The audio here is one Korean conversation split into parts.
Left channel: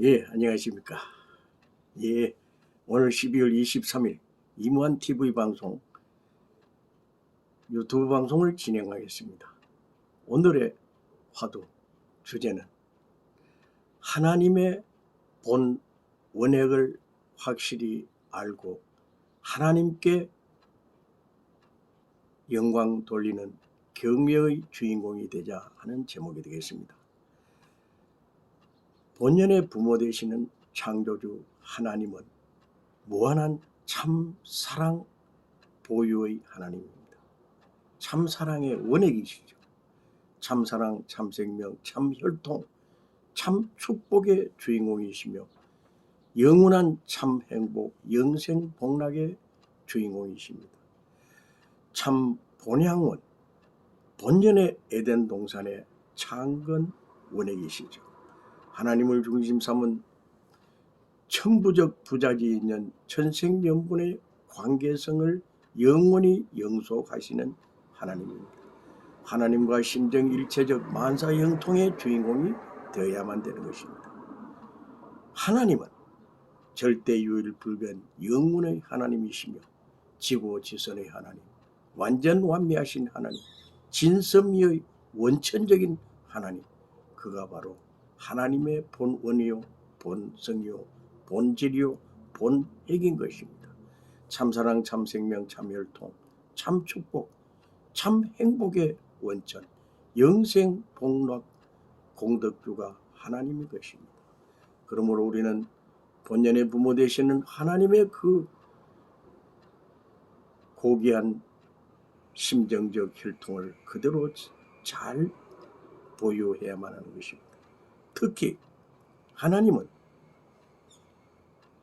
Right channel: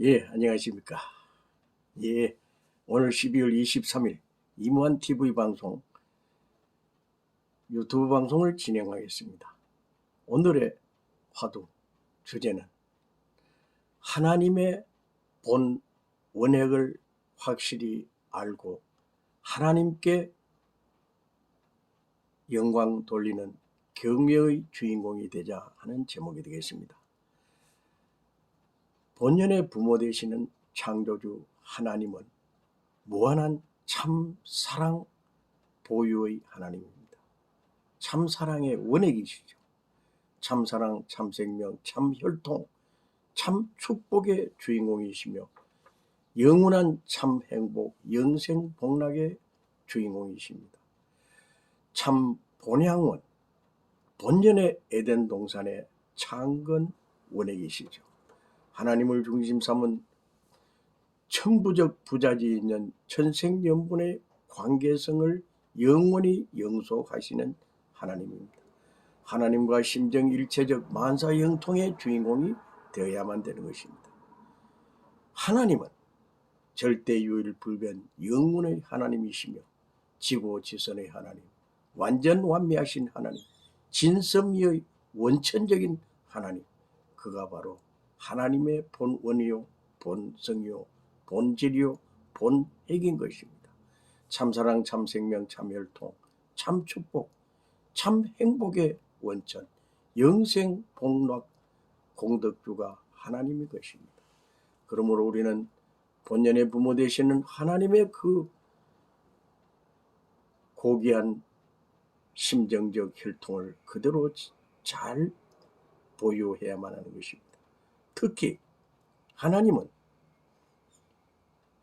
예, 안녕하십니까. 예, 오늘 12월 23일 이무한 TV 방송, 유튜브 방송을 진행하겠습니다. 오늘의 화두 주제는 하나님의 본 원액을 확실히 알고 하나님께 영광 돌리는 경배의 주인공이 되자 하는 제목이 되겠습니다. 본연의 부모 되시는 창조주 하나님은 무한한 참 사랑 보유의 하나님입니다. 참 사랑의 원액이시죠. 참 사랑, 참 생명, 참 혈통, 참 축복의 주인공이시며 영원한 참 행복, 영생 복락의 주인공이십니다. 참 본향원, 본연의 에덴 동산의 창건 원액이시죠. 하나님을 중심 삼은 천부적 부자지 있는 천생연분의 관계성을 영원히 영속하시는 하나님입니다. 하나님과 심정일체적 만사형통의 주인공이 되어야만 되는 것입니다. 하나님은 절대유일불변 영원의 하나님이시며 지고지선의 하나님, 완전 완미하신 하나님, 진섭리의 원천적인 하나님, 그가 바로 하나님의 본원이요 본성이요 본질이요 본핵인 것입니다. 참사랑, 참생명, 참혈통, 참축복, 참 행복의 원천, 영생 복락 공덕주가 하나님의 것입니다. 그러므로 우리는 본연의 부모 되시는 하나님의 그 고귀한 심정적 혈통을 그대로 잘 보유해야만 하는 것입니다. 특히 하나님은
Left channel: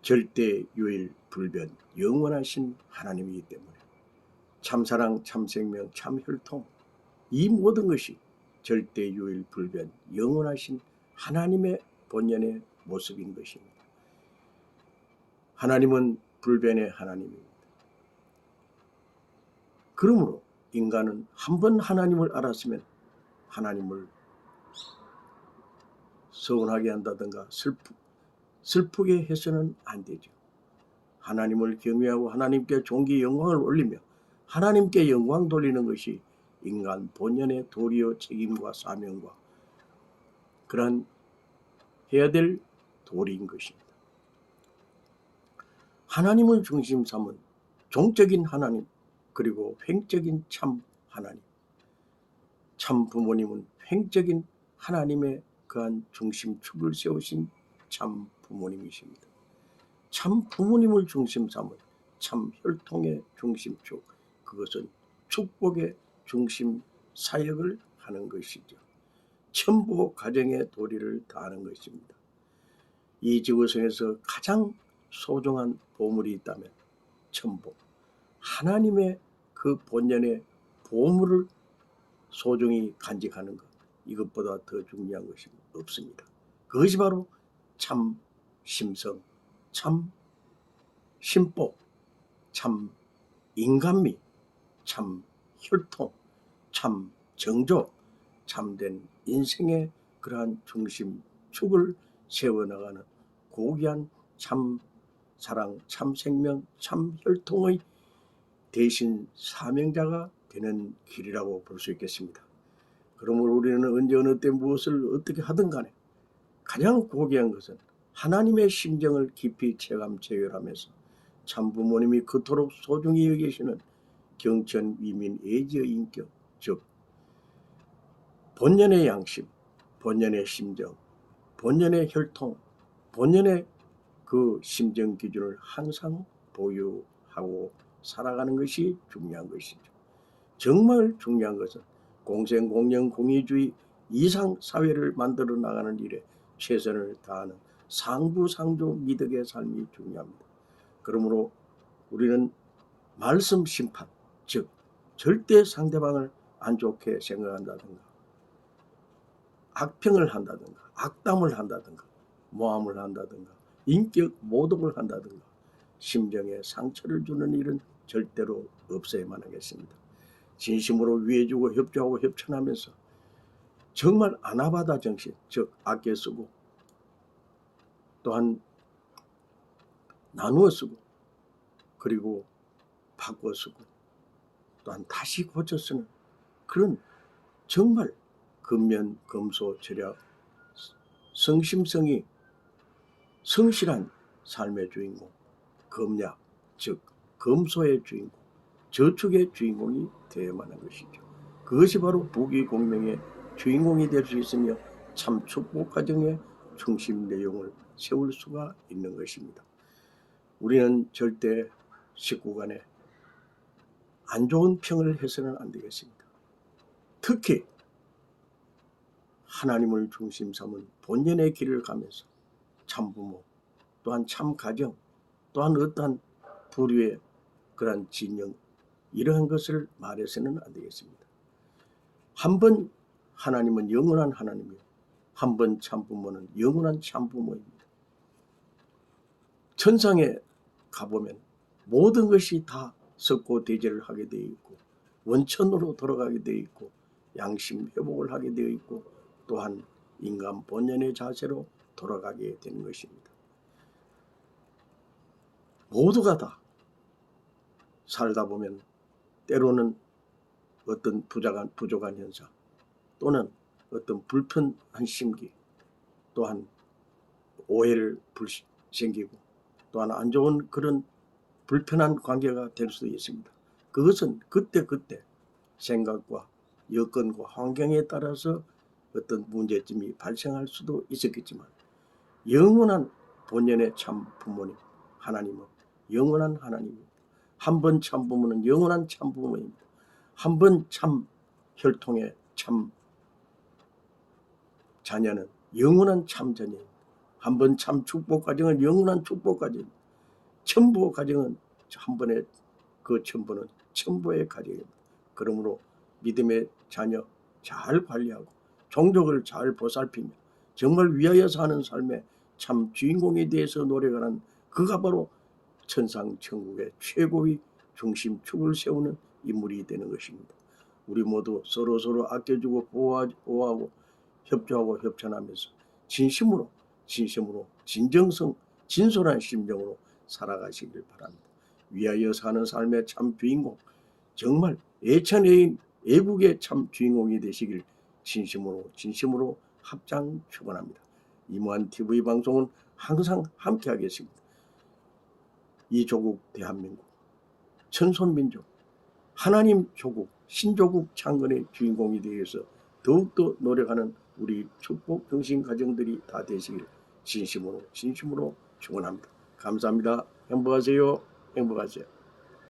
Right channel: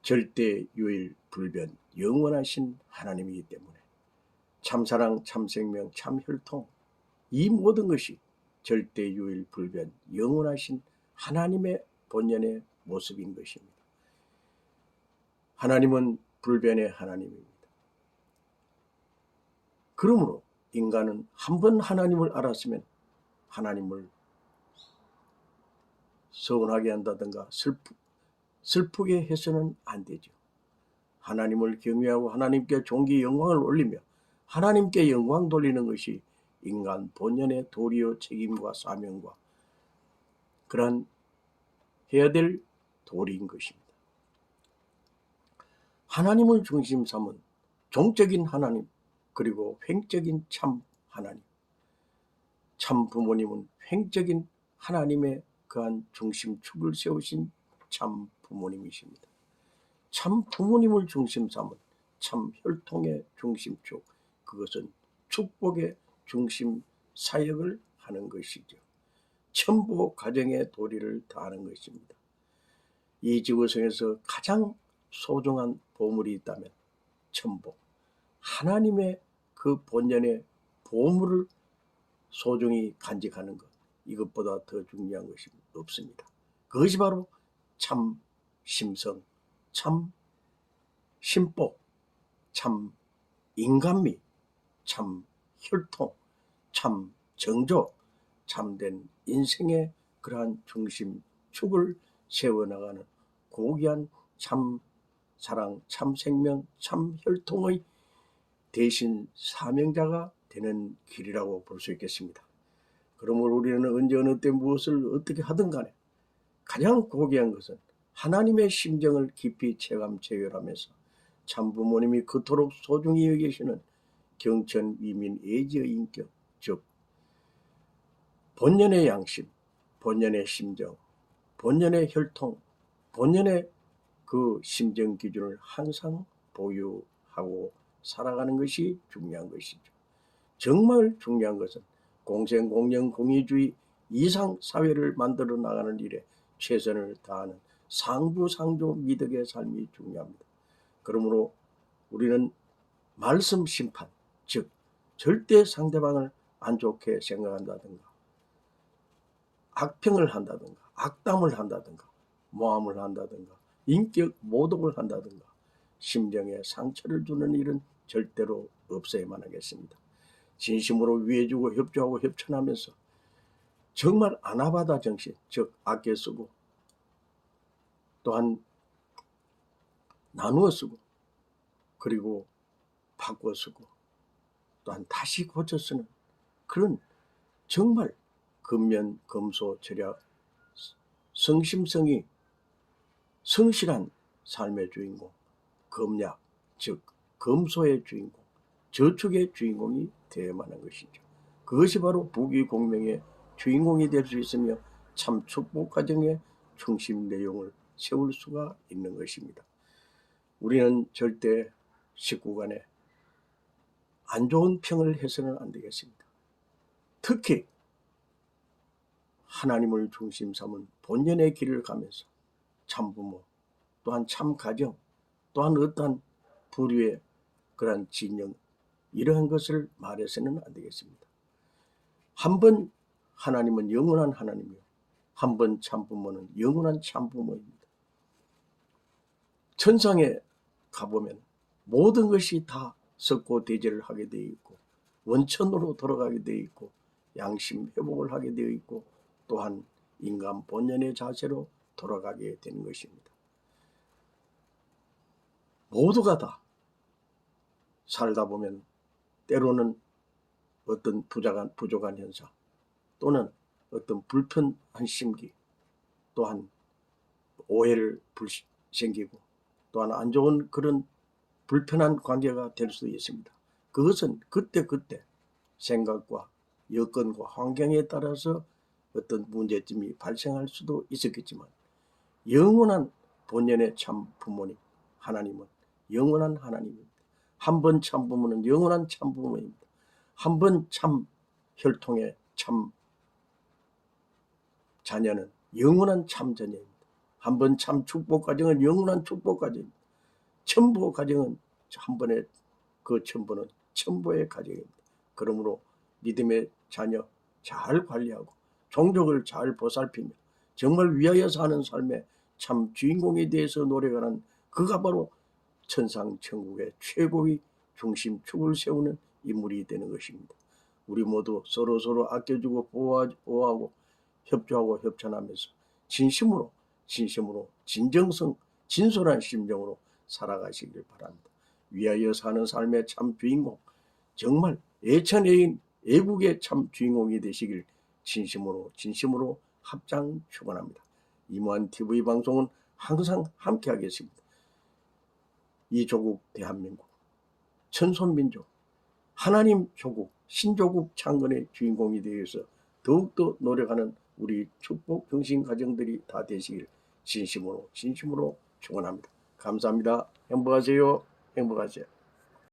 절대 유일 불변 영원하신 하나님이기 때문에 참사랑, 참생명, 참혈통 이 모든 것이 절대 유일 불변 영원하신 하나님의 본연의 모습인 것입니다. 하나님은 불변의 하나님입니다. 그러므로 인간은 한번 하나님을 알았으면 하나님을 서운하게 한다든가 슬프게 해서는 안 되죠. 하나님을 경외하고 하나님께 존귀 영광을 올리며 하나님께 영광 돌리는 것이 인간 본연의 도리요 책임과 사명과 그러한 해야 될 도리인 것입니다. 하나님을 중심 삼은 종적인 하나님, 그리고 횡적인 참 하나님, 참 부모님은 횡적인 하나님의 그한 중심축을 세우신 참 부모님이십니다. 참 부모님을 중심 삼은 참 혈통의 중심축, 그것은 축복의 중심 사역을 하는 것이죠. 천부 가정의 도리를 다하는 것입니다. 이 지구상에서 가장 소중한 보물이 있다면 천부, 하나님의 그 본연의 보물을 소중히 간직하는 것, 이것보다 더 중요한 것이 없습니다. 그것이 바로 참 심성, 참 심복, 참 인간미, 참 혈통, 참 정조, 참된 인생의 그러한 중심축을 세워나가는 고귀한 참 사랑, 참 생명, 참 혈통의 대신 사명자가 되는 길이라고 볼 수 있겠습니다. 그러므로 우리는 언제 어느 때 무엇을 어떻게 하든 간에 가장 고귀한 것은 하나님의 심정을 깊이 체감 체결하면서 참 부모님이 그토록 소중히 여기시는 경천 위민 애지의 인격, 즉 본연의 양심, 본연의 심정, 본연의 혈통, 본연의 그 심정 기준을 항상 보유하고 살아가는 것이 중요한 것이죠. 정말 중요한 것은 공생, 공영, 공의주의 이상 사회를 만들어 나가는 일에 최선을 다하는 상부상조 미덕의 삶이 중요합니다. 그러므로 우리는 말씀 심판, 즉 절대 상대방을 안 좋게 생각한다든가 악평을 한다든가 악담을 한다든가 모함을 한다든가 인격 모독을 한다든가 심정에 상처를 주는 일은 절대로 없어야만 하겠습니다. 진심으로 위해주고 협조하고 협천하면서 정말 아나바다 정신, 즉 아껴 쓰고 또한 나누어 쓰고 그리고 바꿔 쓰고 또한 다시 고쳐 쓰는 그런 정말 근면 검소 절약 성심성이 성실한 삶의 주인공 검약 즉 검소의 주인공 저축의 주인공이 되어야만 하는 것이죠. 그것이 바로 부귀공명의 주인공이 될 수 있으며 참 축복 가정의 중심 내용을 세울 수가 있는 것입니다. 우리는 절대 식구 간에 안 좋은 평을 해서는 안 되겠습니다. 특히 하나님을 중심 삼은 본연의 길을 가면서 참부모 또한 참가정 또한 어떠한 부류의 그러한 진영 이러한 것을 말해서는 안 되겠습니다. 한번 하나님은 영원한 하나님이요 한 번 참부모는 영원한 참부모입니다. 천상에 가보면 모든 것이 다 썩고 대제를 하게 되어 있고 원천으로 돌아가게 되어 있고 양심 회복을 하게 되어 있고 또한 인간 본연의 자세로 돌아가게 되는 것입니다. 모두가 다 살다 보면 때로는 어떤 부족한 현상 또는 어떤 불편한 심기 또한 오해를 생기고 또한 안 좋은 그런 불편한 관계가 될 수도 있습니다. 그것은 그때그때 생각과 여건과 환경에 따라서 어떤 문제점이 발생할 수도 있었겠지만 영원한 본연의 참 부모님 하나님은 영원한 하나님입니다. 한 번 참 부모는 영원한 참 부모입니다. 한 번 참 혈통의 참 자녀는 영원한 참 자녀입니다. 한 번 참 축복 가정은 영원한 축복 가정입니다. 천부 가정은 한 번에 그 천부는 천부의 가정입니다. 그러므로 믿음의 자녀 잘 관리하고 종족을 잘 보살피며 정말 위하여 사는 삶의 참 주인공에 대해서 노력하는 그가 바로 천상 천국의 최고의 중심축을 세우는 인물이 되는 것입니다. 우리 모두 서로 아껴주고 보호하고 협조하고 협찬하면서 진심으로 진정성 진솔한 심정으로 살아가시길 바랍니다. 위하여 사는 삶의 참 주인공 정말 예천예인 애국의 참 주인공이 되시길 진심으로 합장 축원합니다. 이무한 TV 방송은 항상 함께하겠습니다. 이 조국 대한민국 천손민족 하나님 조국 신조국 창건의 주인공이 되어서 더욱더 노력하는 우리 축복 경신 가정들이 다 되시길 진심으로 축원합니다. 감사합니다. 행복하세요. 행복하세요.